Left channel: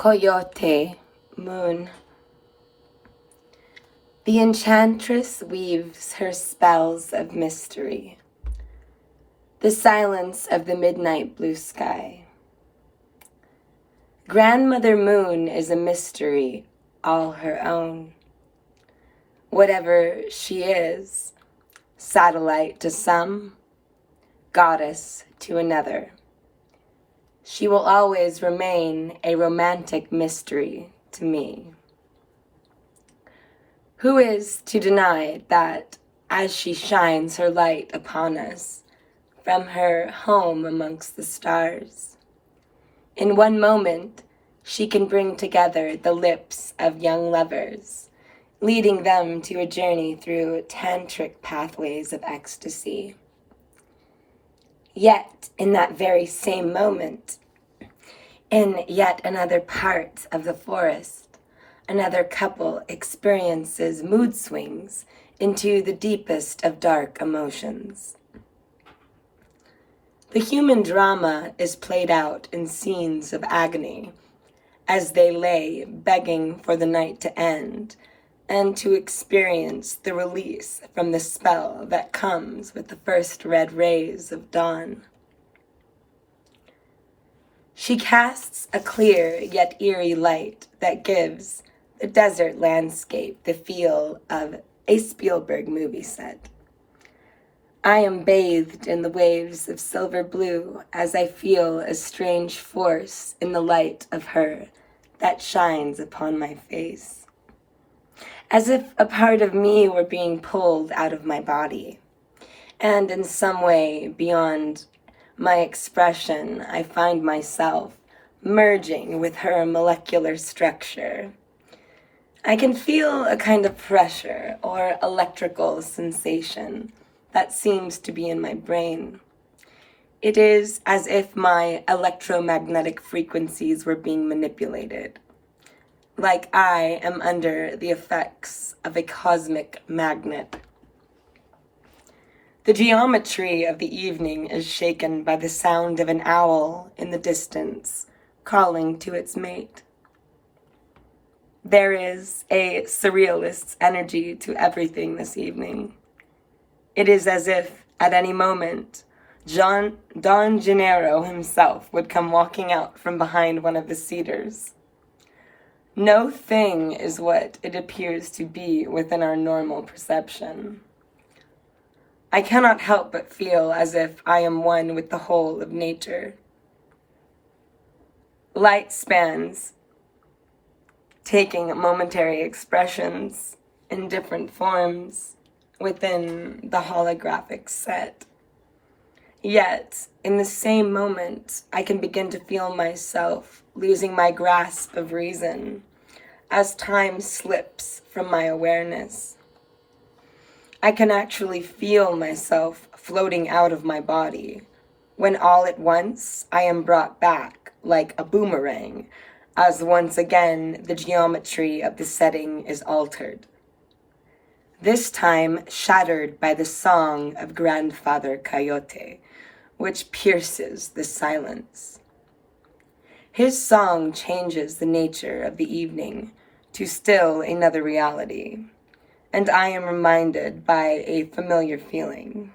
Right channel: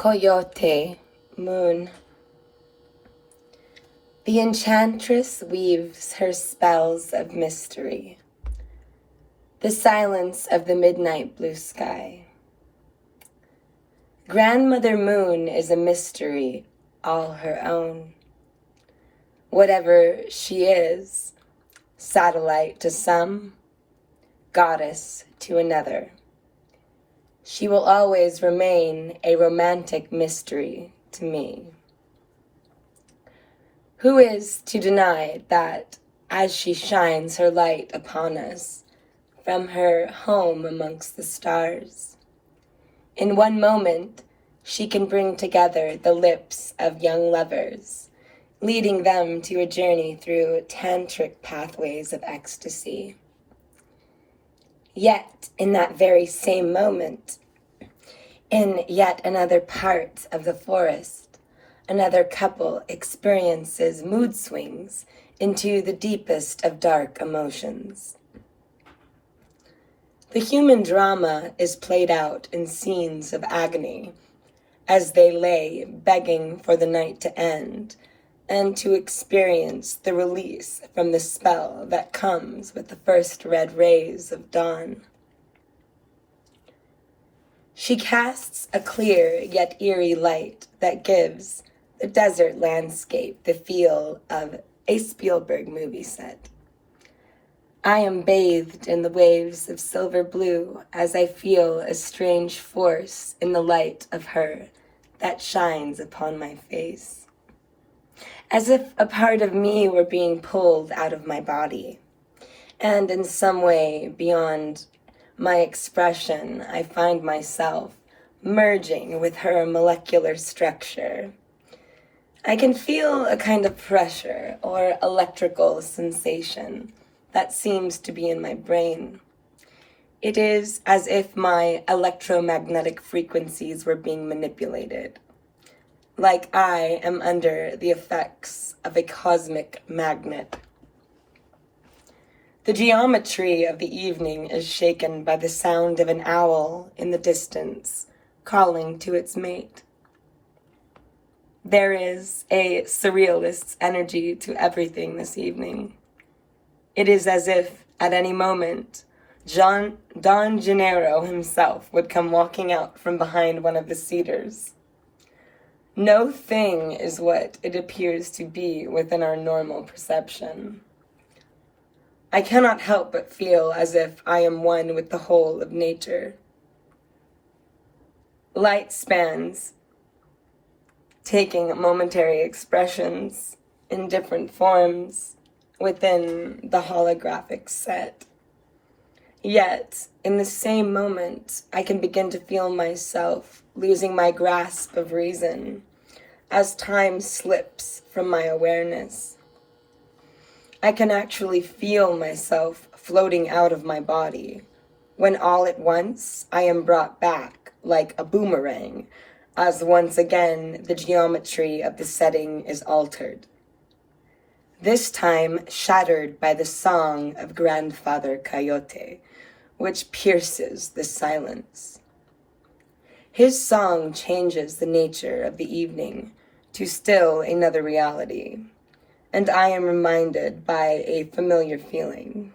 Coyote Moon. The enchantress weaves her spells of mystery. The silence of the midnight blue sky. Grandmother Moon is a mystery all her own. Whatever she is, satellite to some, goddess to another, she will always remain a romantic mystery to me. Who is to deny that as she shines her light upon us from her home amongst the stars, in one moment she can bring together the lips of young lovers, leading them to a journey through tantric pathways of ecstasy. Yet, in that very same moment, in yet another part of the forest, another couple experiences mood swings into the deepest of dark emotions. The human drama is played out in scenes of agony as they lay begging for the night to end and to experience the release from the spell that comes with the first red rays of dawn. She casts a clear yet eerie light that gives the desert landscape the feel of a Spielberg movie set. I am bathed in the waves of silver blue as I feel a strange force in the light of her that shines upon my face, as if a part of me were being pulled out of my body, and in some way beyond my expression, I find myself merging with her molecular structure. I can feel a kind of pressure or electrical sensation that seems to be in my brain. It is as if my electromagnetic frequencies were being manipulated, like I am under the effects of a cosmic magnet. The geometry of the evening is shaken by the sound of an owl in the distance, calling to its mate. There is a surrealist's energy to everything this evening. It is as if, at any moment, Don Gennaro himself would come walking out from behind one of the cedars. No thing is what it appears to be within our normal perception. I cannot help but feel as if I am one with the whole of nature. Light spans, taking momentary expressions in different forms within the holographic set. Yet, in the same moment, I can begin to feel myself losing my grasp of reason as time slips from my awareness. I can actually feel myself floating out of my body when all at once I am brought back like a boomerang as once again the geometry of the setting is altered. This time shattered by the song of Grandfather Coyote, which pierces the silence. His song changes the nature of the evening to still another reality, and I am reminded by a familiar feeling.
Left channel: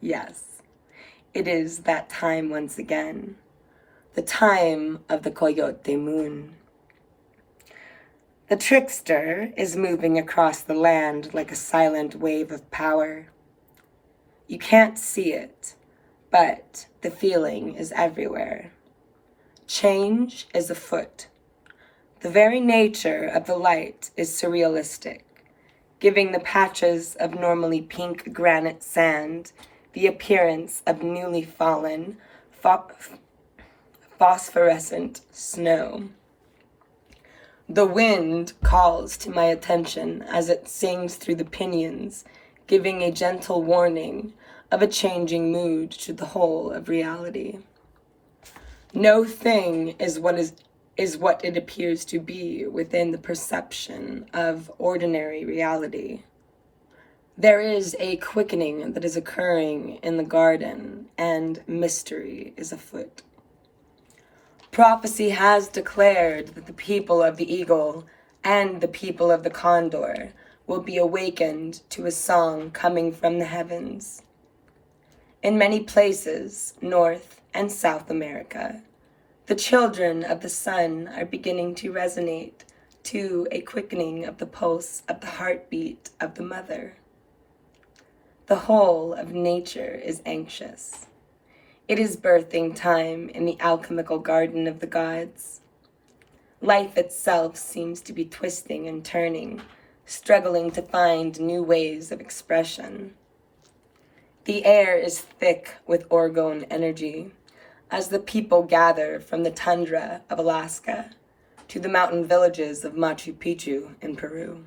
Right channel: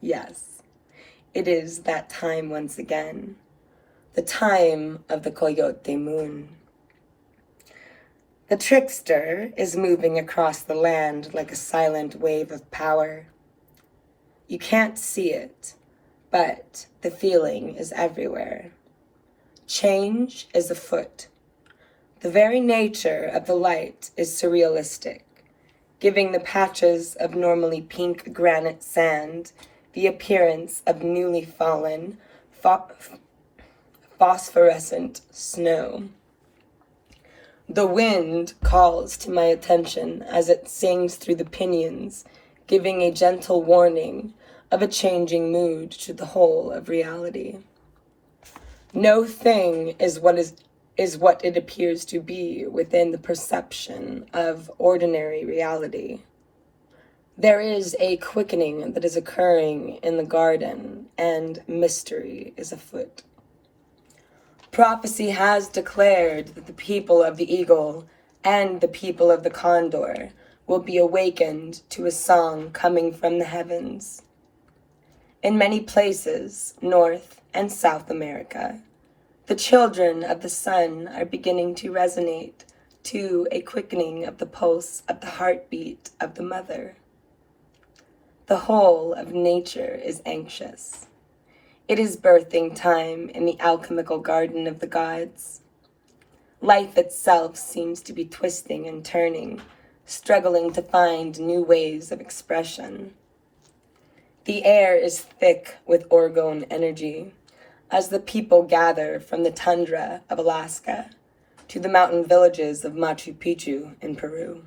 Yes, it is that time once again, the time of the Coyote Moon. The trickster is moving across the land like a silent wave of power. You can't see it, but the feeling is everywhere. Change is afoot. The very nature of the light is surrealistic, giving the patches of normally pink granite sand the appearance of newly fallen, phosphorescent snow. The wind calls to my attention as it sings through the pinions, giving a gentle warning of a changing mood to the whole of reality. No thing is what it appears to be within the perception of ordinary reality. There is a quickening that is occurring in the garden, and mystery is afoot. Prophecy has declared that the people of the eagle and the people of the condor will be awakened to a song coming from the heavens. In many places, North and South America, the children of the sun are beginning to resonate to a quickening of the pulse of the heartbeat of the mother. The whole of nature is anxious. It is birthing time in the alchemical garden of the gods. Life itself seems to be twisting and turning, struggling to find new ways of expression. The air is thick with orgone energy as the people gather from the tundra of Alaska to the mountain villages of Machu Picchu in Peru.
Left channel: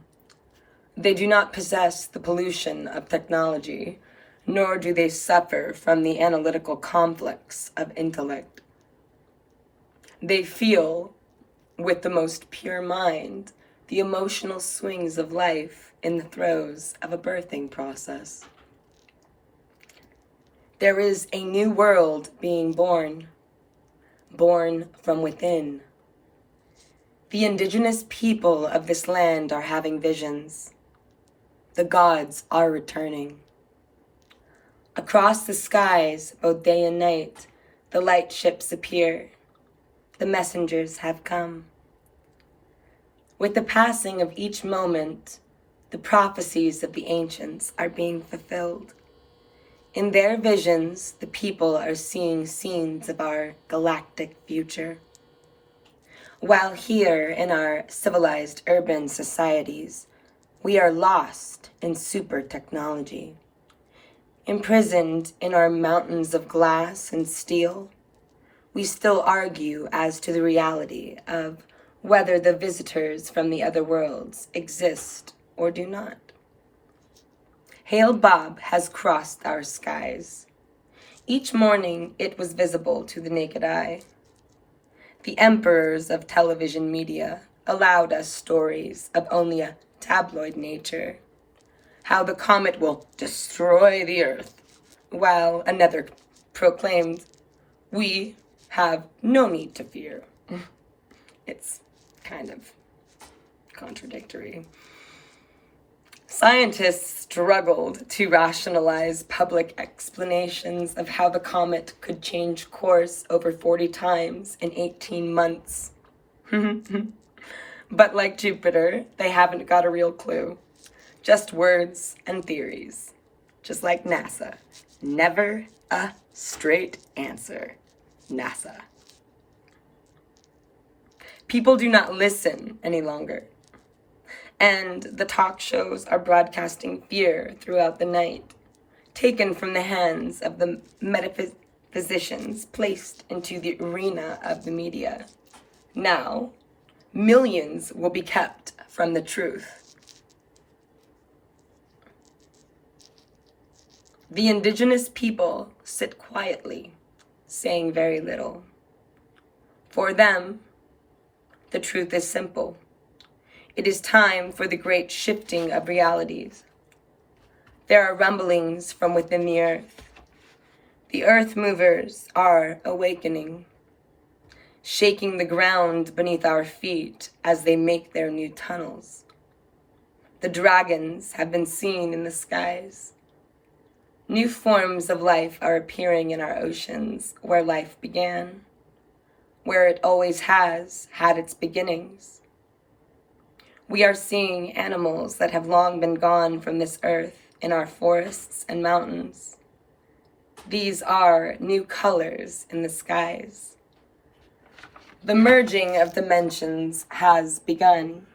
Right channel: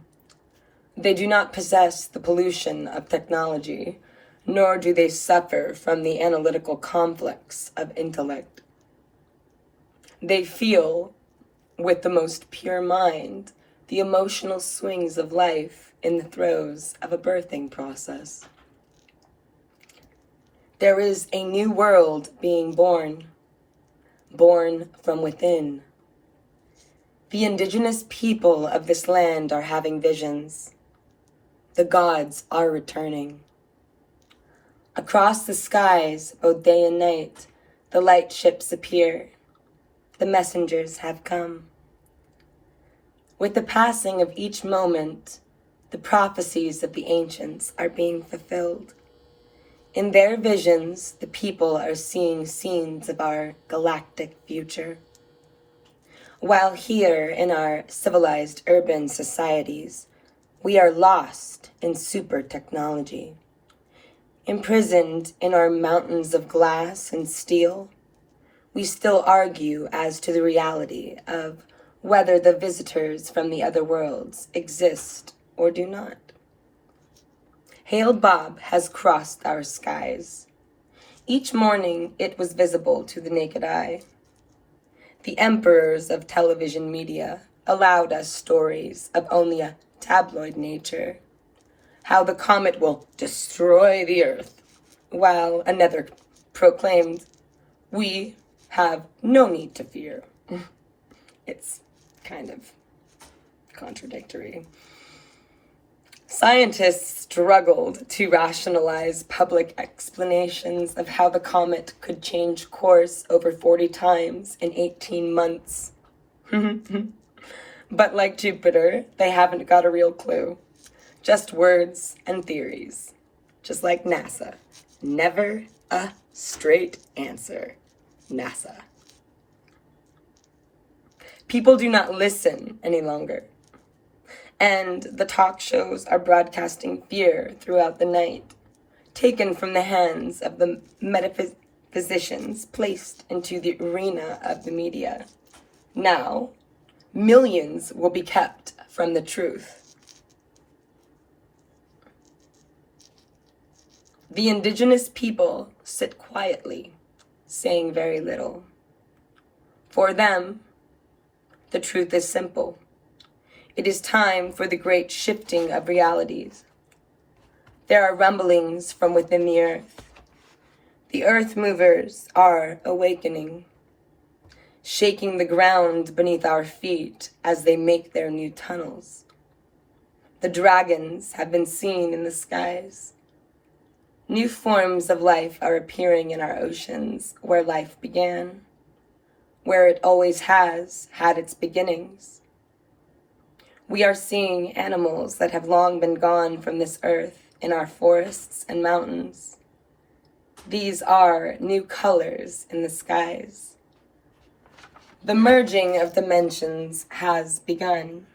They do not possess the pollution of technology, nor do they suffer from the analytical conflicts of intellect. They feel, with the most pure mind, the emotional swings of life in the throes of a birthing process. There is a new world being born from within. The indigenous people of this land are having visions. The gods are returning. Across the skies, both day and night, the light ships appear. The messengers have come. With the passing of each moment, the prophecies of the ancients are being fulfilled. In their visions, the people are seeing scenes of our galactic future. While here in our civilized urban societies, we are lost in super technology. Imprisoned in our mountains of glass and steel, we still argue as to the reality of whether the visitors from the other worlds exist or do not. Hail Bob has crossed our skies. Each morning it was visible to the naked eye. The emperors of television media allowed us stories of only a tabloid nature, how the comet will destroy the earth, while another proclaimed, we have no need to fear. It's kind of contradictory. Scientists struggled to rationalize public explanations of how the comet could change course over 40 times in 18 months. But like Jupiter, they haven't got a real clue. Just words and theories. Just like NASA. Never a straight answer. NASA. People do not listen any longer. And the talk shows are broadcasting fear throughout the night, taken from the hands of the metaphysicians placed into the arena of the media. Now, millions will be kept from the truth. The indigenous people sit quietly, saying very little. For them, the truth is simple. It is time for the great shifting of realities. There are rumblings from within the earth. The earth movers are awakening, shaking the ground beneath our feet as they make their new tunnels. The dragons have been seen in the skies. New forms of life are appearing in our oceans where life began, where it always has had its beginnings. We are seeing animals that have long been gone from this earth in our forests and mountains. These are new colors in the skies. The merging of dimensions has begun.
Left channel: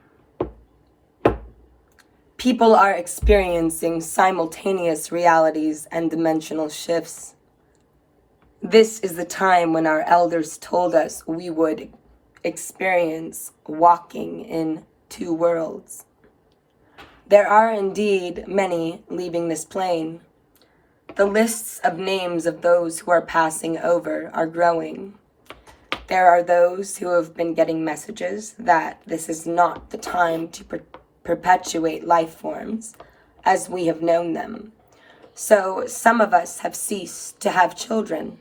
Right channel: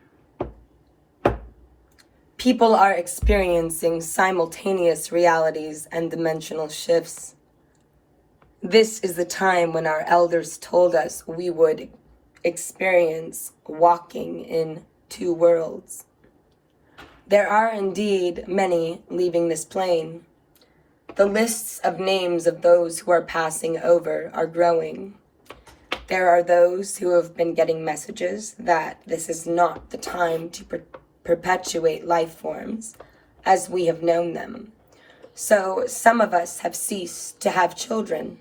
People are experiencing simultaneous realities and dimensional shifts. This is the time when our elders told us we would experience walking in two worlds. There are indeed many leaving this plane. The lists of names of those who are passing over are growing. There are those who have been getting messages that this is not the time to perpetuate life forms as we have known them. So some of us have ceased to have children.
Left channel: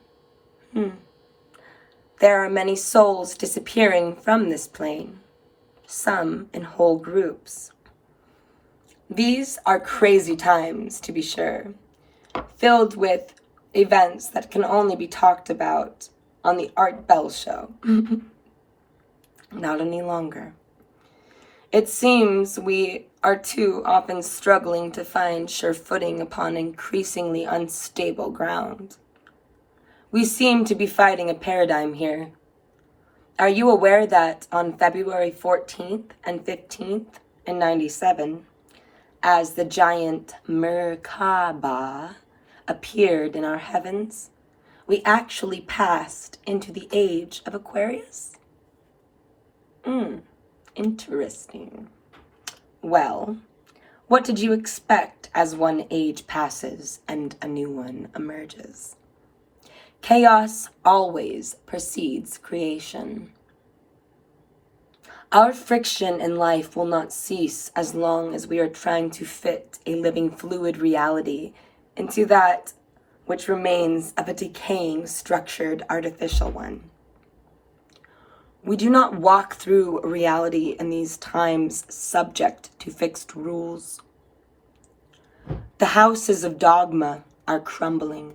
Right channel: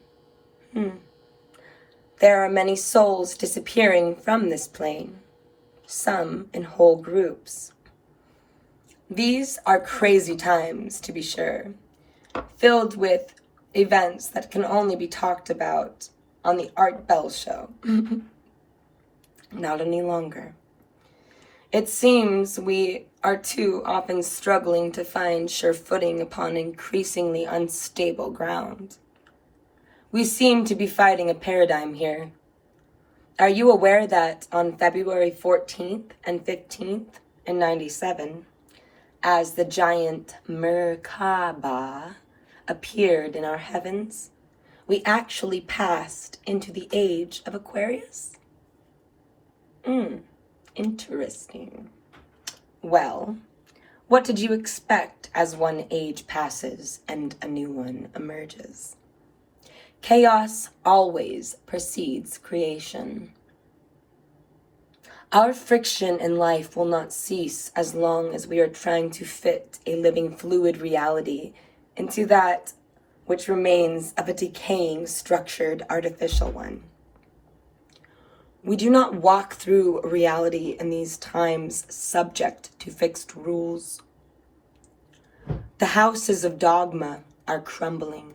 There are many souls disappearing from this plane, some in whole groups. These are crazy times, to be sure, filled with events that can only be talked about on the Art Bell show. Not any longer. It seems we are too often struggling to find sure footing upon increasingly unstable ground. We seem to be fighting a paradigm here. Are you aware that on February 14th and 15th in 97, as the giant Merkaba appeared in our heavens, we actually passed into the age of Aquarius? Interesting. Well, what did you expect as one age passes and a new one emerges? Chaos always precedes creation. Our friction in life will not cease as long as we are trying to fit a living fluid reality into that which remains of a decaying, structured, artificial one. We do not walk through reality in these times subject to fixed rules. The houses of dogma are crumbling.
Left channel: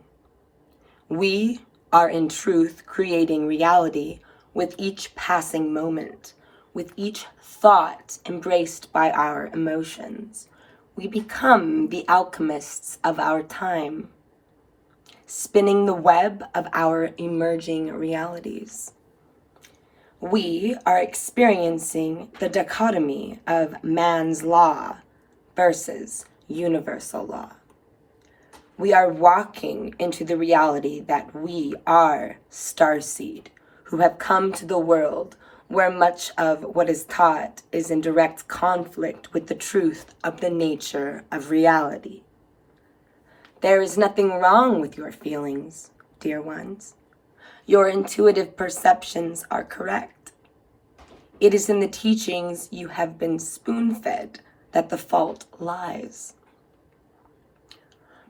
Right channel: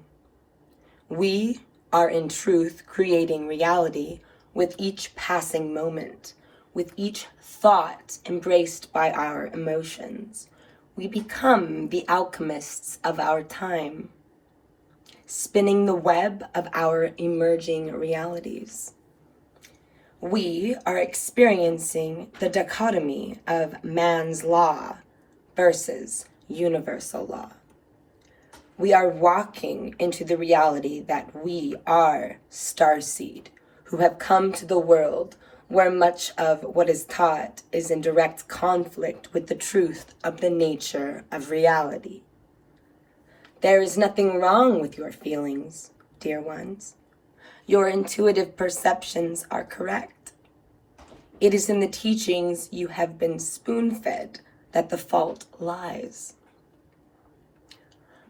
We are in truth creating reality with each passing moment, with each thought embraced by our emotions. We become the alchemists of our time, spinning the web of our emerging realities. We are experiencing the dichotomy of man's law versus universal law. We are walking into the reality that we are starseed, who have come to the world where much of what is taught is in direct conflict with the truth of the nature of reality. There is nothing wrong with your feelings, dear ones. Your intuitive perceptions are correct. It is in the teachings you have been spoon-fed that the fault lies.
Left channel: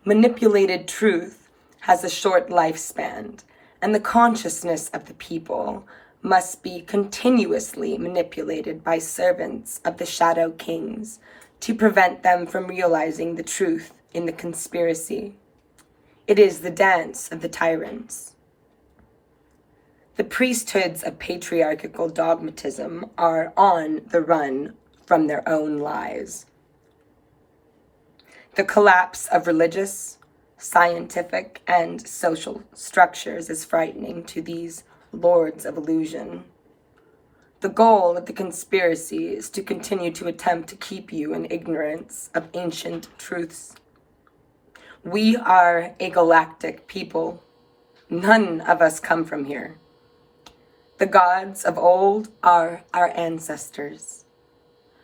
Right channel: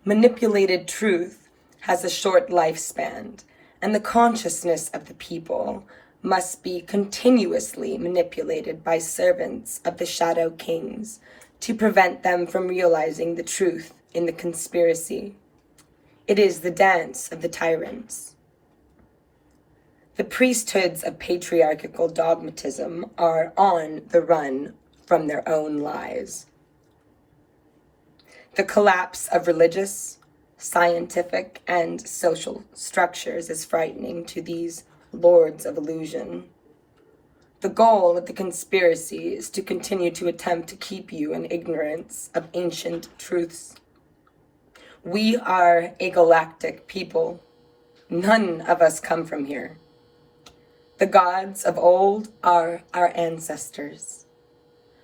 Manipulated truth has a short lifespan, and the consciousness of the people must be continuously manipulated by servants of the shadow kings to prevent them from realizing the truth in the conspiracy. It is the dance of the tyrants. The priesthoods of patriarchal dogmatism are on the run from their own lies. The collapse of religious, scientific, and social structures is frightening to these lords of illusion. The goal of the conspiracy is to continue to attempt to keep you in ignorance of ancient truths. We are a galactic people. None of us come from here. The gods of old are our ancestors.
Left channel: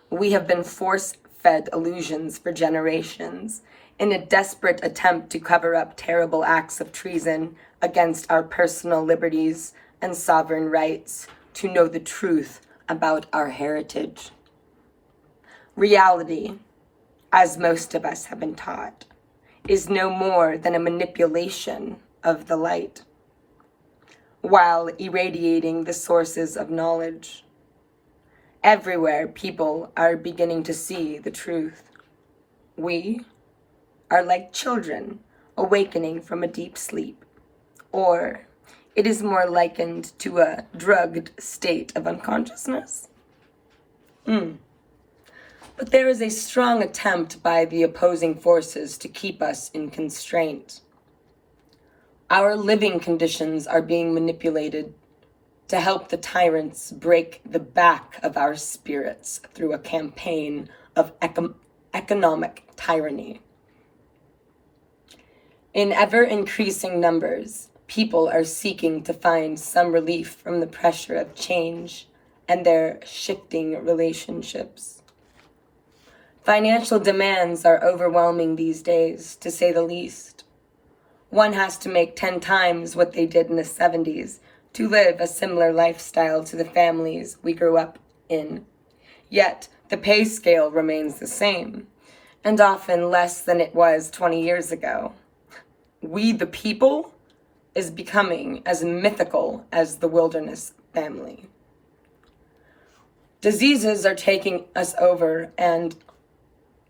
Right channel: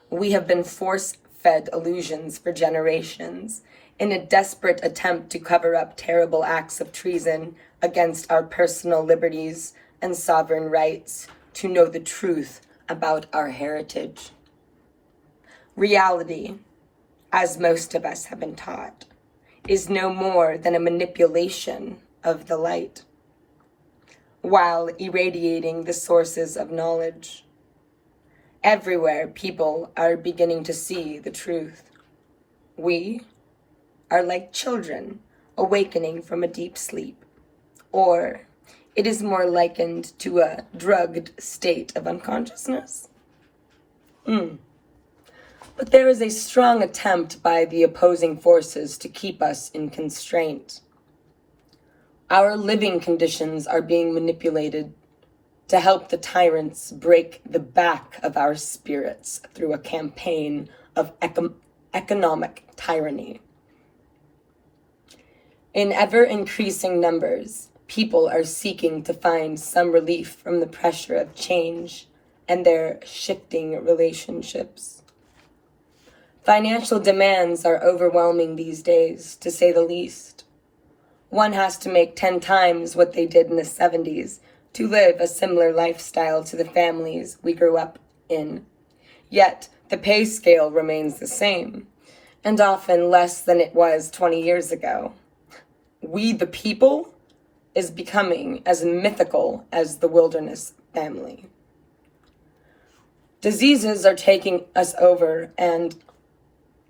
We have been force-fed illusions for generations in a desperate attempt to cover up terrible acts of treason against our personal liberties and sovereign rights to know the truth about our heritage. Reality, as most of us have been taught, is no more than a manipulation of the light, while irradiating the sources of knowledge. Everywhere, people are beginning to see the truth. We are like children awakening from a deep sleep, or it is more likened to a drugged state of unconsciousness. But there is a strong attempt by the opposing forces to keep us in constraint. Our living conditions are being manipulated to help the tyrants break the back of our spirits through a campaign of economic tyranny. In ever-increasing numbers, people are seeking to find some relief from the pressure of change and their shifting relationships. Financial demands are overwhelming these days, to say the least. One has to make 10 times what they did in the 70s to live a similar lifestyle to the families we grew up in. Yet, the pay scale remains the same, and often less than it was 20 years ago. We, the people, is becoming as mythical as the wilderness family. Diseases are taking us over, and,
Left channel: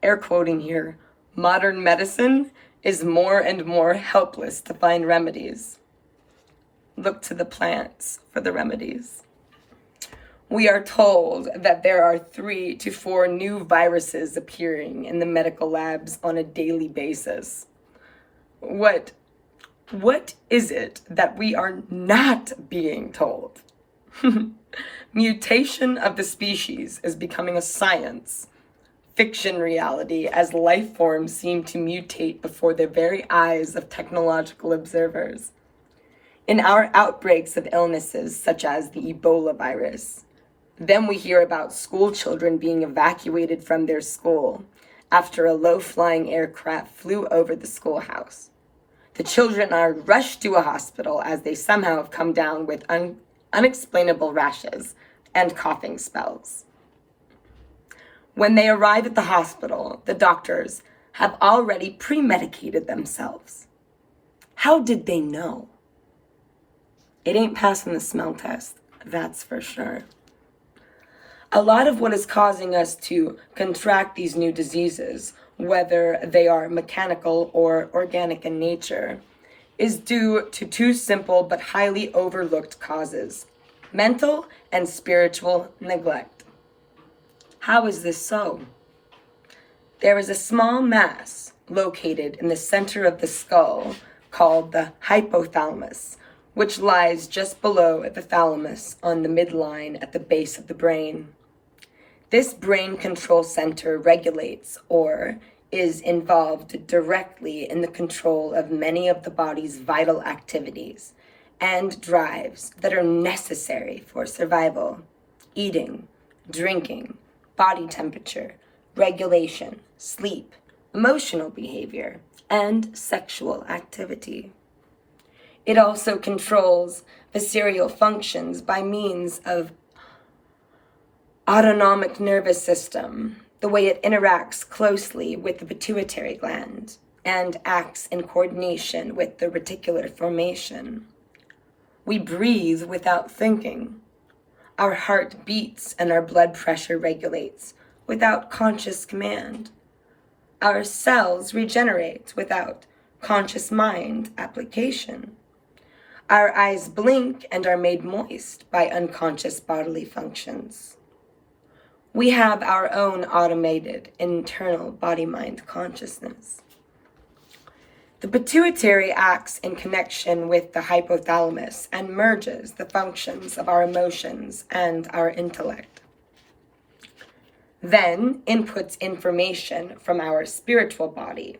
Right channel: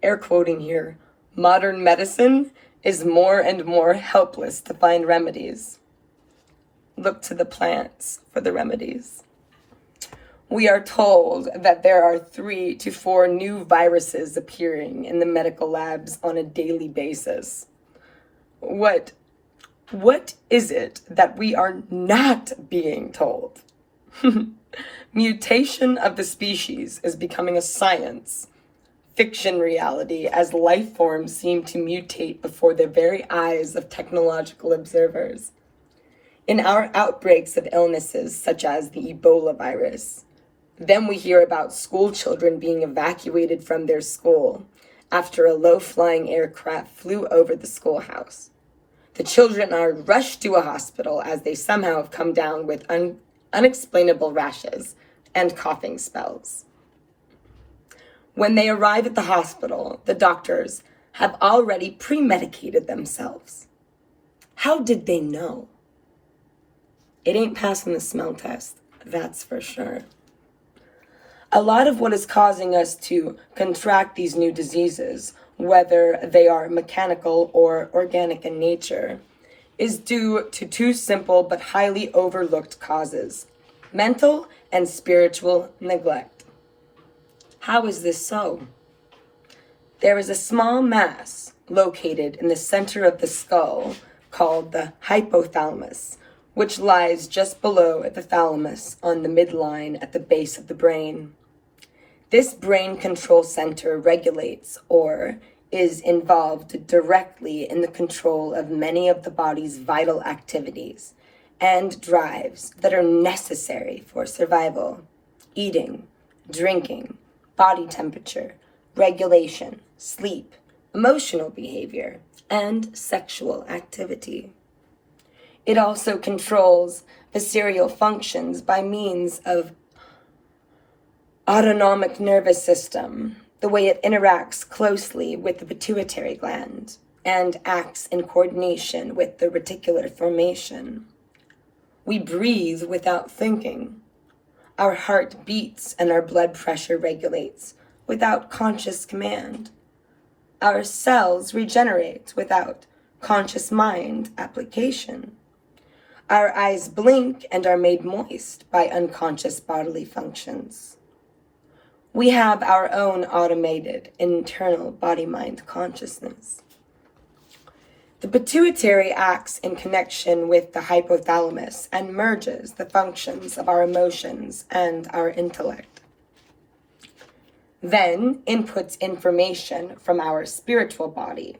air quoting here, modern medicine is more and more helpless to find remedies. Look to the plants for the remedies. We are told that there are 3 to 4 new viruses appearing in the medical labs on a daily basis. What is it that we are not being told? Mutation of the species is becoming a science fiction reality as life forms seem to mutate before the very eyes of technological observers. In our outbreaks of illnesses such as the Ebola virus, then we hear about school children being evacuated from their school after a low-flying aircraft flew over the schoolhouse. The children are rushed to a hospital as they somehow have come down with unexplainable rashes and coughing spells. When they arrive at the hospital, the doctors have already pre-medicated themselves. How did they know? It ain't passing the smell test, that's for sure. A lot of what is causing us to contract these new diseases, whether they are mechanical or organic in nature, is due to 2 simple but highly overlooked causes: mental and spiritual neglect. How is this so? There is a small mass located in the center of the skull called the hypothalamus, which lies just below the thalamus on the midline at the base of the brain. This brain control center regulates or is involved directly in the control of many of the body's vital activities and drives that are necessary for survival: eating, drinking, body temperature, regulation, sleep, emotional behavior, and sexual activity. It also controls visceral functions by means of autonomic nervous system, the way it interacts closely with the pituitary gland and acts in coordination with the reticular formation. We breathe without thinking. Our heart beats and our blood pressure regulates without conscious command. Our cells regenerate without conscious mind application. Our eyes blink and are made moist by unconscious bodily functions. We have our own automated internal body-mind consciousness. The pituitary acts in connection with the hypothalamus and merges the functions of our emotions and our intellect. Then inputs information from our spiritual body,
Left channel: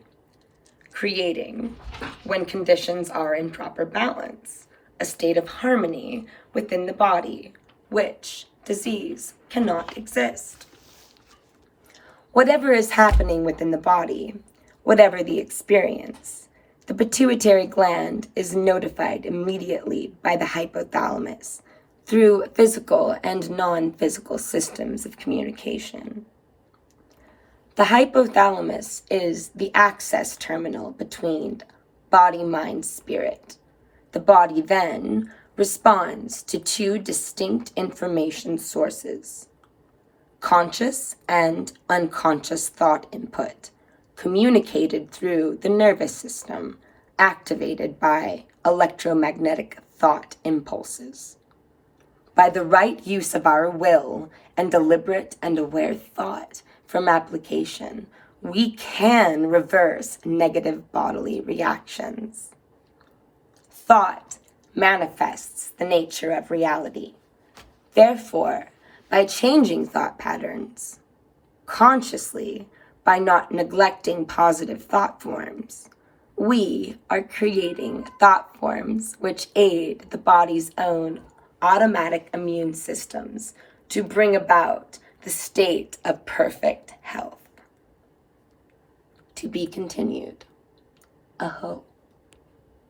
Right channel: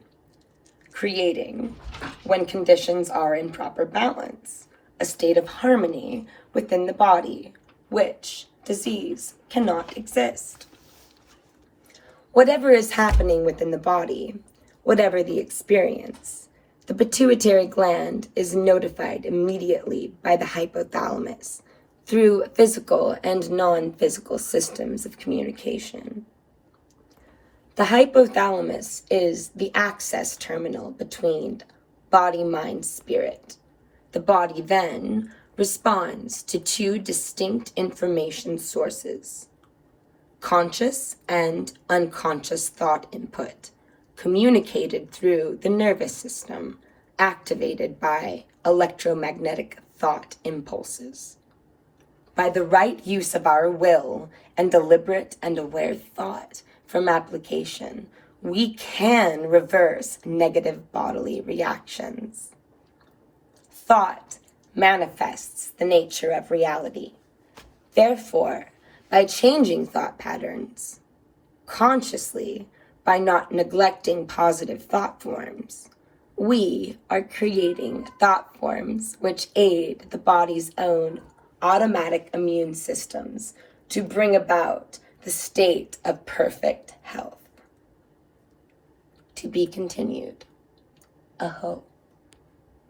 creating, when conditions are in proper balance, a state of harmony within the body, which disease cannot exist. Whatever is happening within the body, whatever the experience, the pituitary gland is notified immediately by the hypothalamus through physical and non-physical systems of communication. The hypothalamus is the access terminal between body, mind, spirit. The body then responds to 2 distinct information sources: conscious and unconscious thought input, communicated through the nervous system, activated by electromagnetic thought impulses. By the right use of our will and deliberate and aware thought from application, we can reverse negative bodily reactions. Thought manifests the nature of reality. Therefore, by changing thought patterns, consciously, by not neglecting positive thought forms, we are creating thought forms which aid the body's own automatic immune systems to bring about the state of perfect health. To be continued. Aho.